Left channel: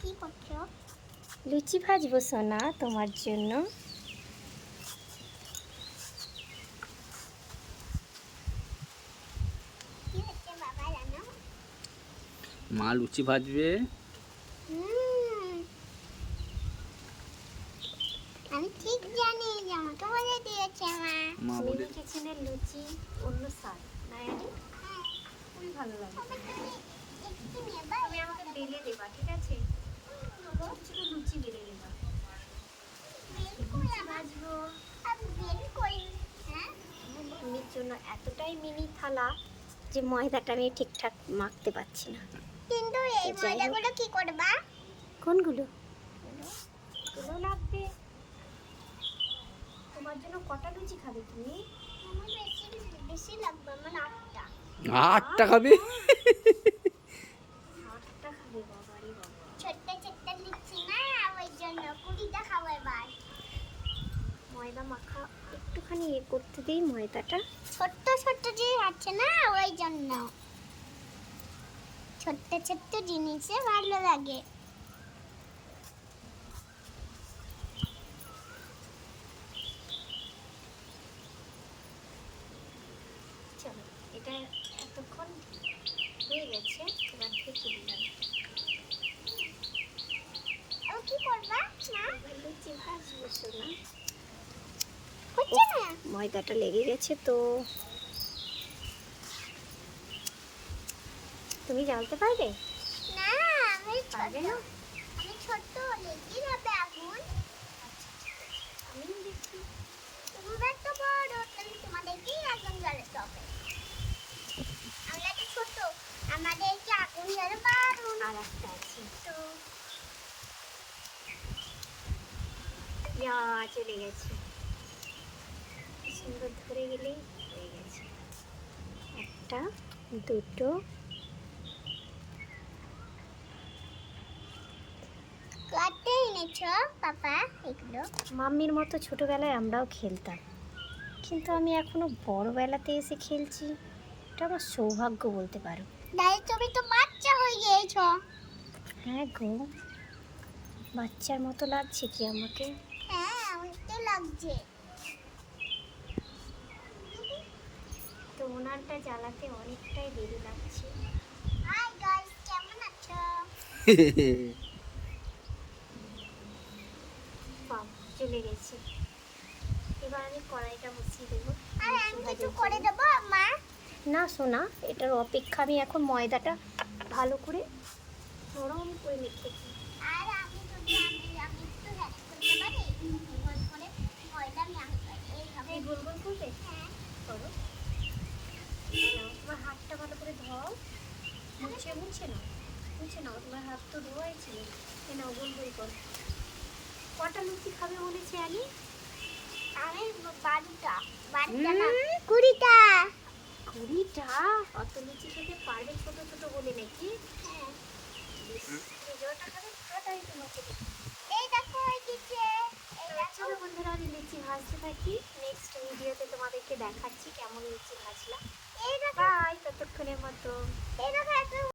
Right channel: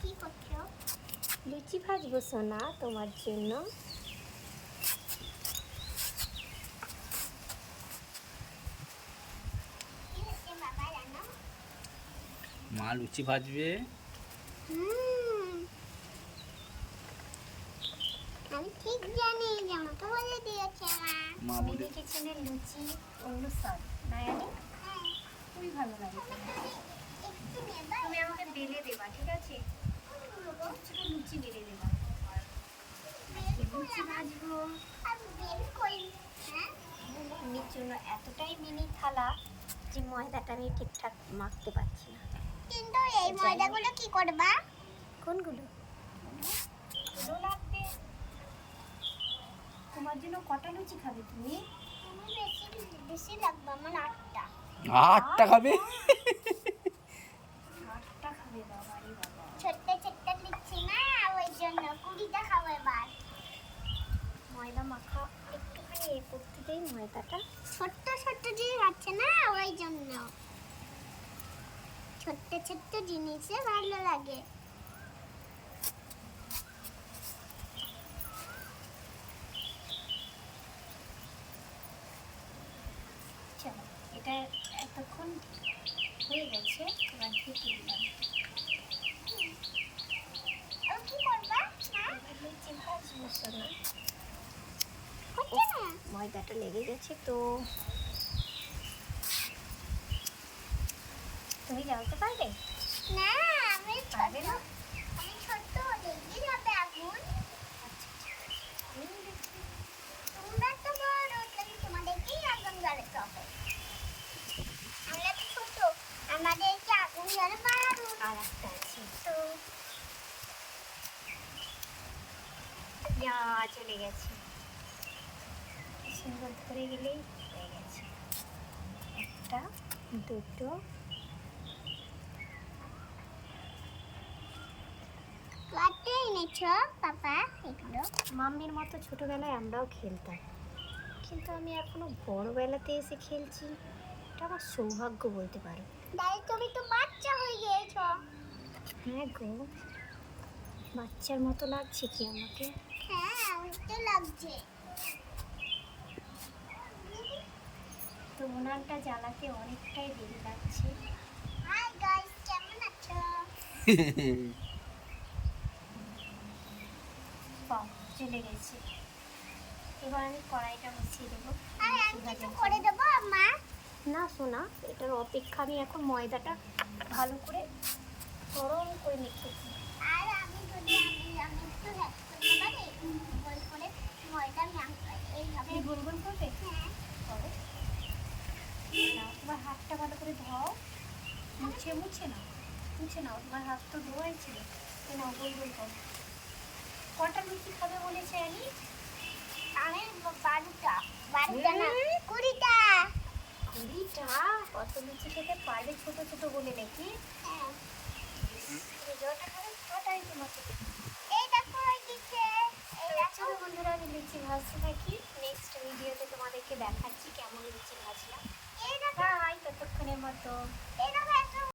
কি করছো? লুচি ভাজবো সোনা তোমার জন্য। কি হচ্ছে বাবা জানো? মা লুচি ভাজবে। আমি ঠিক জানি যেমন তো বলে দিয়েছে মা বলে মিনি কিচেনের লুচি অন্য স্বাদ না জানি হ্যাঁ, খুবই ভালো লাগে। একটু নেবা তুমি আমাকে বেলে দেবা, ঠিক আছে? ছোট ছোট লুচি বেলে দেবা। লুচি ভাজবো। আমি বের করি। হ্যাঁ, আমার মাম্মির জন্য এতটাই মিনি থালা যে ময়দাটা আমি ঠিকঠাক মাখতে পারছি না। কিন্তু এই ময়দাগুলো কি করবা? কোনগুলো? এগুলো লাগবে। তোমার জন্য কটা লুচি খাবে তুমি? আমার বেশি বেশি লাগবে, আমার 8টা। 8টা খাবে? 8টা খাবে? বাবা রে বাবা। ছোট্ট ছোট্ট লিখছি না, ওই জন্য 20টা খাবো এবার। ময়দা মাখা একটুখানি করতে দেই ময়দাটা। ছোট্ট ছোট্ট যে আছে না, ওই জন্য ছোট্ট ছোট্ট জিনিসে ভালো লাগে। চলো, এটা এতক্ষণ হয়ে গেছে, এবার থেকে দিলাম। আর কি করবা না? এবার লুচি ভাজবো সোনা। হচ্ছে না? ময়দাটা লেগে গেছে তো। তুমি জ্বালতে পারবে? না, আমি পারবে ছোট। না? আমি ছোট, লেগে যাবে আগুন। আমি দেখি। তোমরা তো বড়, তাহলে তোমাদেরকেই আগুন জ্বালাতে হবে। আমরা তো ছোট, আমাদেরকে আগুন জ্বালাতে পারুন। আর একটা আছে। তো ইয়া, চলে গেছে। সুন্দর ধরে গেলেই হয়ে গেছে। একটা, দুটো। কাটতে এনেছো পাপা এগুলো? মাম্মির মতো ছোটবেলায় আমরাও খেলতাম, কিন্তু আমি এখনো বড়বেলাতে এসে খেলছি। এটা আমার সৌভাগ্য বলতে পারো। দাদি তুমি তো বাচ্চা হয়ে গিয়েছো। হ্যাঁ গো, বাচ্চার মতো লাগছে কি আমাকে? হ্যাঁ, আমাকে লাগছে। তো ওনারটা জানাতে অনেকটাই দেরি লাগছে। হাই গাইস, কেমন আছো? পাও চলে গেছে। এবার আমি কড়াইটা বসিয়ে দেবো। আর আমি লুচি কিছু ভাজার করে জন্য। দেবো মা? না সোনা, এটার অপেক্ষা আমি এখন ময়দাটা ভালো করে নরম করে নিতেছি। আর আমি যদি আমি একটু হেল্প করতে পারি, গোল করে ময়দা এইভাবে। এই গোল গোল করবে? হ্যাঁ, করো। নাও, তোমার হাতটা ভালো করে ধোও। মুছে মুছে নাও, মুছে নাও। তোমার হাত তো ধোয়াইছিল। এ নাও, গোল গোল করো। কটা লুচি খাবে বলেছে আলি? আমি 12টা। 12টা না, 20টা। 20টা? অত লুচি খেতে পারবে ছোট ছোট বলে নাকি? হ্যাঁ, যটা খাবে তটাই তোমাকে দেবো। এই দেখো এইদিকে, এই দেখো। চলো বন্ধুরা, আমি লুচি ভাজতে থাকি। নেক্সট ভিডিওতে তোমাদেরকে দেখাচ্ছি